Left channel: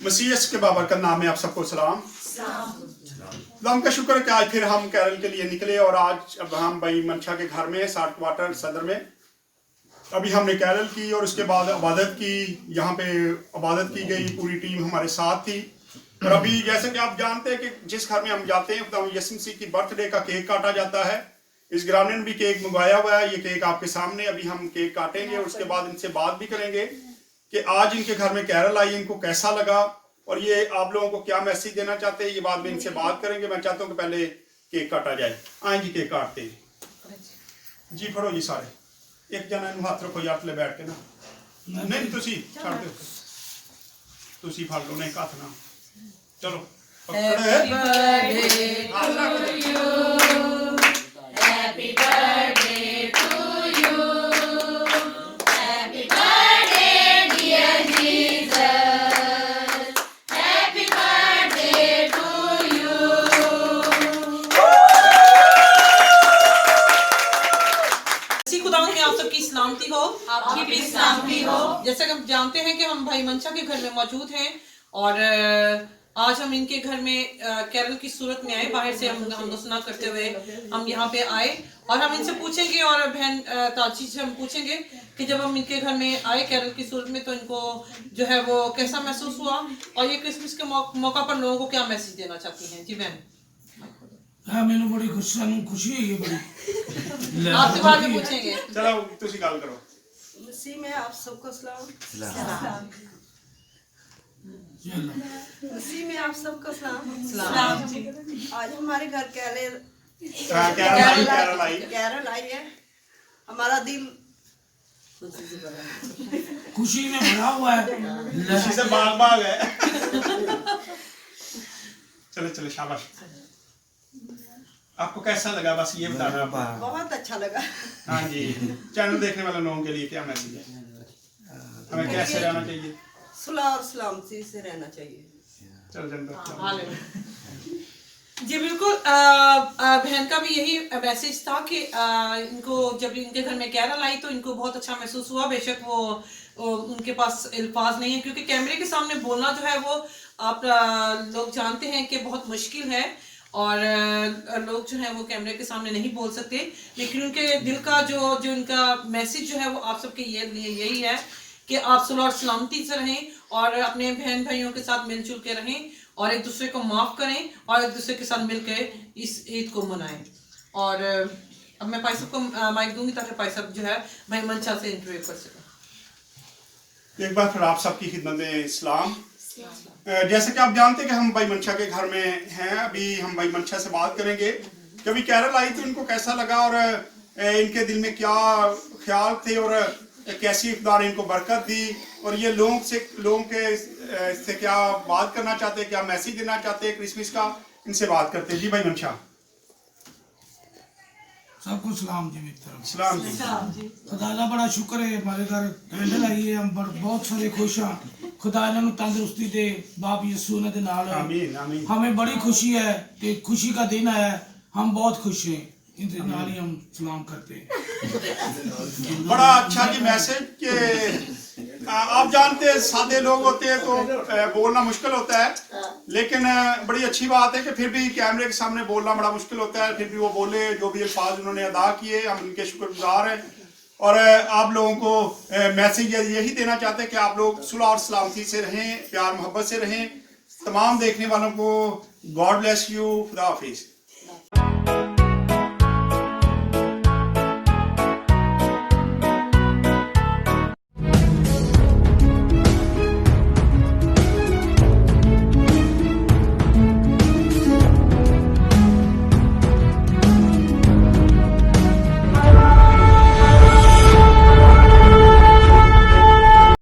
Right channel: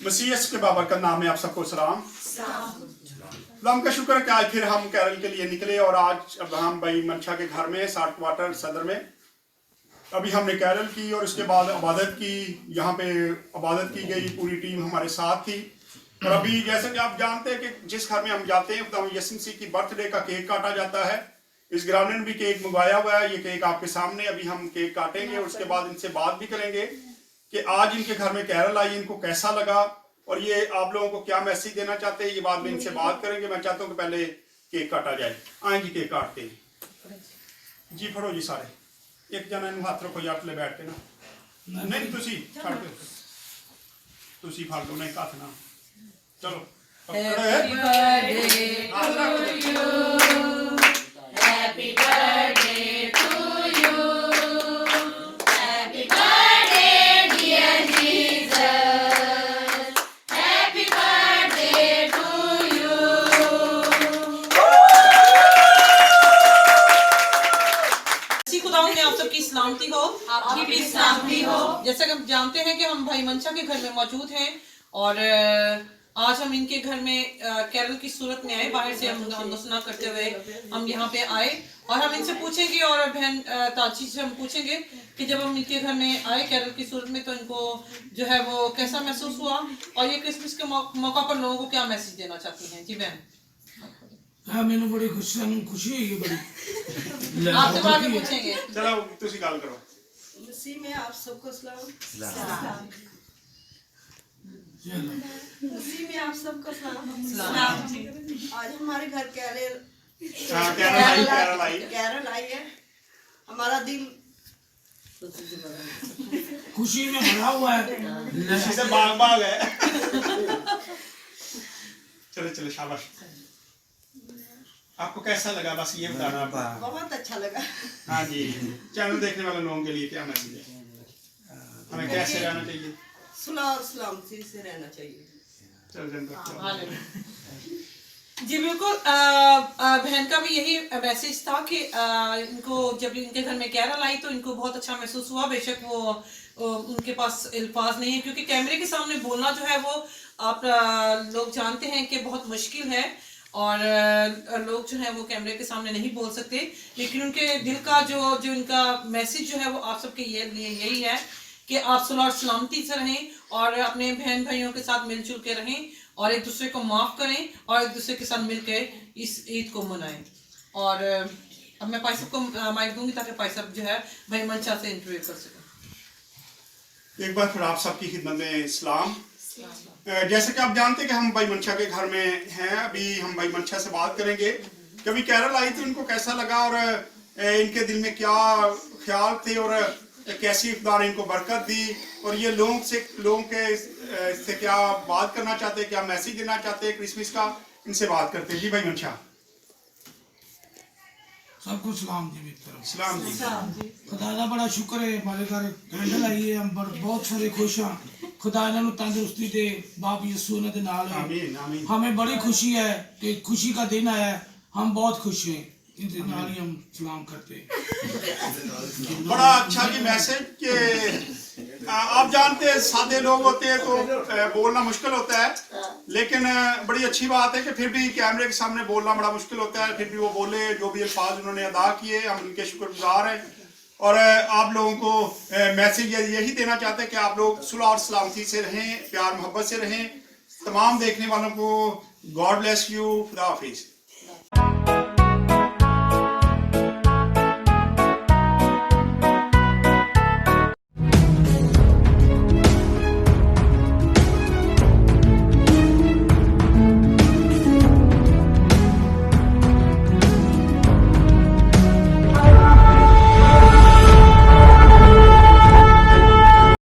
मसीह के बाबरकत नाम में आप सबको सलाम। अल्लाह का शुक्र है कि आज फिर हम कैरल के लिए निकले और आज अब हम भाई मंशा के घर में 60 क्वार्टर सदर में अभी हमने कैरल की और उसके बाद इबादत की। यहाँ पे इबादत की गई, पूरी टीम हमारे साथ थी। और अभी जैसे कि आप जानते हैं कि जिस घर में हम जाते हैं तो यीशु मसीह की बर्थडे का केक काटा जाता है। इस घराने ने भी केक मंगवाया हुआ है। ये केक आपके सामने, अभी हम केक काटेंगे और उसके बाद इनसे बात भी करेंगे कि आज इनके घर में कैरल आई, इनको कैसा लगा और ये आप लोगों को क्या मैसेज देना चाहते हैं, ये बाद में इनसे बात करेंगे। मैं चाहता हूँ कि पहले केक काटा जाए। आए जी केक काटते हैं जी। फड़ो जी सारे, एक जना इन हाथ रखो यार, बैठ के ना नहीं तुसी छड़ दो, तुसी फड़ लो, नहीं हाथ ना, चलो सलामती हो, आपकी भी सलामती हो। जैसे कि हम जानते हैं कि हम भाई मंशा के घर में मौजूद हैं और आज हम इनके घर में कैरल की सूरत में आए। बाहर से हम सुना करते हुए हम यहाँ पे आए और हम इनसे पूछेंगे और बहन ताची से हम पूछेंगे कि जब हम इनके घर में आए कैरल की सूरत में तो इनको जो है वो कैसा महसूस हुआ और ये क्रिसमस के मौका पर लोगों को क्या मैसेज देना चाहती हैं। जी बहन। हाँ, मैंने बड़ी खुशी है, ये बड़ी आपसे बाद में पूछेंगे। चलो तुसी गल करो। मसीह में आप सबको सलाम। मसीह में आप सबको सलाम। आज हमारे घर कैरल आई है। हमारा दिल खुशी में भरा हुआ है, खुशी से बाग बाग है। चलो चलो शाबाश। आपको कैसा लगा बस ये बताना। बहुत अच्छा लगा। हाँ जी, चैनल देखने वाले लोगों के लिए क्या मैसेज है, हमें कैसे रहना चाहिए? सुलह और सलामती से रहना चाहिए। जी बिल्कुल। बहन का भी यही मैसेज था कि इनको जब इनके घर में कैरल आई तो इनको बहुत अच्छा महसूस हुआ। बेशक वो उनके पास अल्फाज नहीं है क्योंकि कैमरे के सामने बोलना जो है वो आप लोग जानते हैं कि बहुत मुश्किल है और लोग जो है वो कैमरे के सामने नहीं बोल सकते, लेकिन उनके दिल का जो इनका मैसेज जो है वो आप सबके लिए यही है कि आप सुलह और सलामती से रहें और अपने बहन भाइयों के साथ मिलजुल के रहें और एक दूसरे को माफ़ करें और एक दूसरे के साथ मिलकर इस ईद को मनाएं। और अब मैं भाई साहब को माइक दूंगी ताकि भाई साहब जो है भाई मंशा से इंटरव्यू कर सकें। एक बार फिर आप सबकी खिदमत में सलाम। जैसे कि आप जानते हैं कि हम भाई मंशा के घर में हैं। अभी हम भाई मंशा से बात करेंगे कि अभी कैरल आई तो उनको कैसा लगा और इनके दिल में क्या ख्याल थे और कैसी इफ्तार इनको बरकत दी और ये लोगों के से क्या बात करना चाहते हैं, क्या मैसेज देना चाहते हैं क्रिसमस का, इनसे बात करते हैं। जी भाई मंशा। सबको सलाम जी, मेरी तरफ सलाम जी। खुदा का बड़ा शुक्र है, हमारे घर कैंडल आई है, हम बहुत सारे खुश हैं। खुदा इन्हों तंदुरुस्ती दे बाप यीशु ने दे नाल है। आमीन आमीन। हमें बड़ी खुशी है कि खुशी का दिन आया है, हम बहुत खुश हैं, इनके नाल ही हम सलाम करते हैं। बड़ा अच्छा जी मैसेज कि आप जानते हैं सादे लोग होते हैं तो बोलना मुश्किल होता है, लेकिन बड़ी अच्छी बात है कि फिर भी कैमरे के सामने बोलना बड़ा मुश्किल होता है, फिर भी वो बोले, जो भी अल्फाज उन्होंने अदा किए हम उनके शुक्रगुजार हैं। और आप लोगों को मैसेज यही देना चाहते हैं कि आप लोग सुलह और सलामती से रहें, प्यार मोहब्बत से रहें। तमाम देखने वालों को गॉड ब्लेस यू, खुदा हाफिज।